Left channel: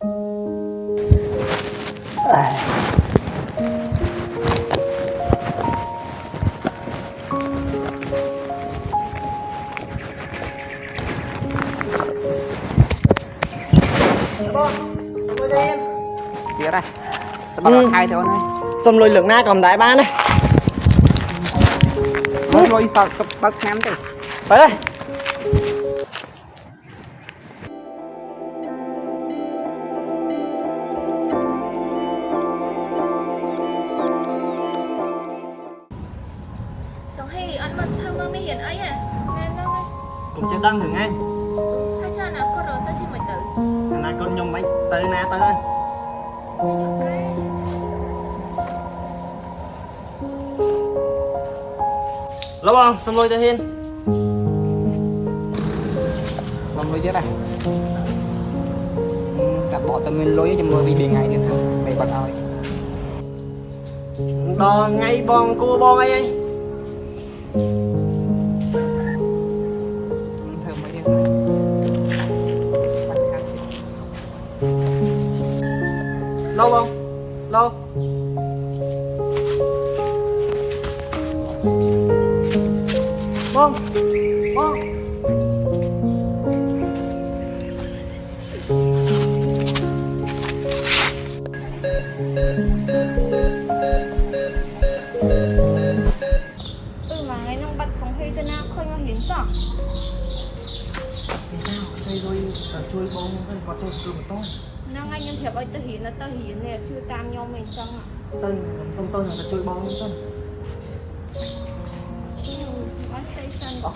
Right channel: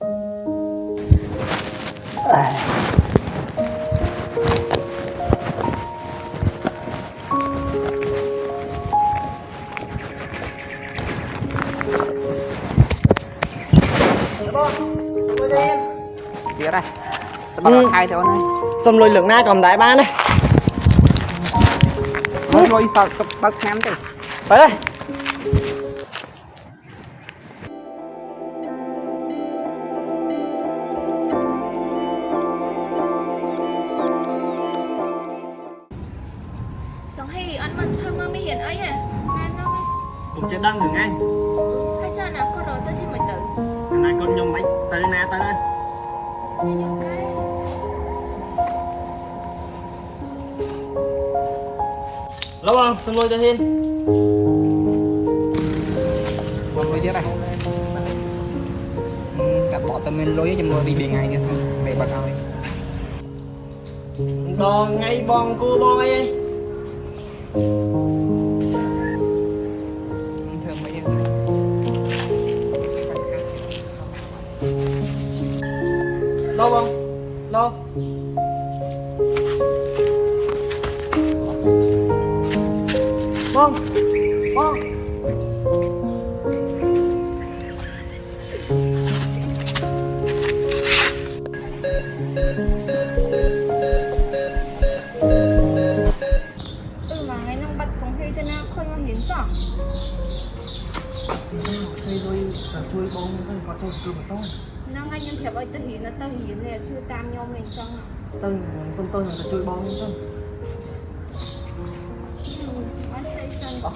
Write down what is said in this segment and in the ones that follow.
Tiếc đây, tao bắt hai thôi này. Xong lôi lượng na cầm đại ba này. Lôi sao tao bắt ném đi. Phải đây. Sống hay ăn mà hơi mơ mới hiện ấy à. Nên nó Cũng chưa đăng được ngay. hay cho nó có rồi tôi chỉ mới tự. Này con nhông bánh tới nè tới đây. Nên những cái Lâu không? Xong lôi cho Hiên. Xong lôi tiếp này. Cả bỏ tao mình lôi cho mưa bị ngày như thế. Mày bật ao đi. Bò ngay bong cô bò ngay. Thơm mấy cái này. Lâu không? Lâu. Bong. Bong. mà ngày nông bật sống hay cho nó khơi mà hiến sao? Thì sao? Xây rồi ở chui bông thân có chui cừu một tôi. Nó ngay nhân thiệp ơi tao hiến này chưa tam nhau mình xong à? Tân xong tôi là chui bông tân. Ăn xây sân Không.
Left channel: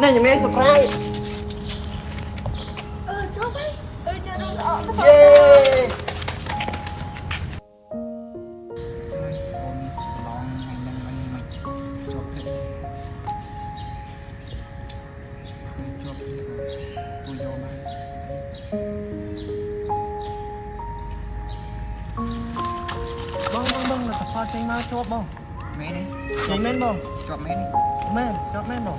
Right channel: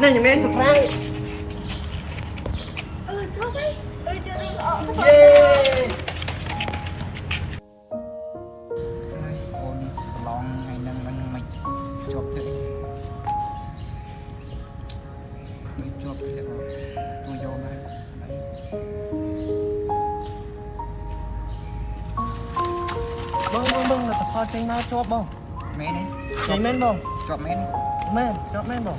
Này những em subscribe. Sao vậy? Chưa đúng rõ nó Yeah. Con lon ngày nâng mình chụp thế. Mình chụp thế rồi. Tôi vô mà. Bông là tập hoa tranh ma chụp bông. Mẹ đi. Chạy men bông. Chụp mẹ đi. Men, chụp men bông.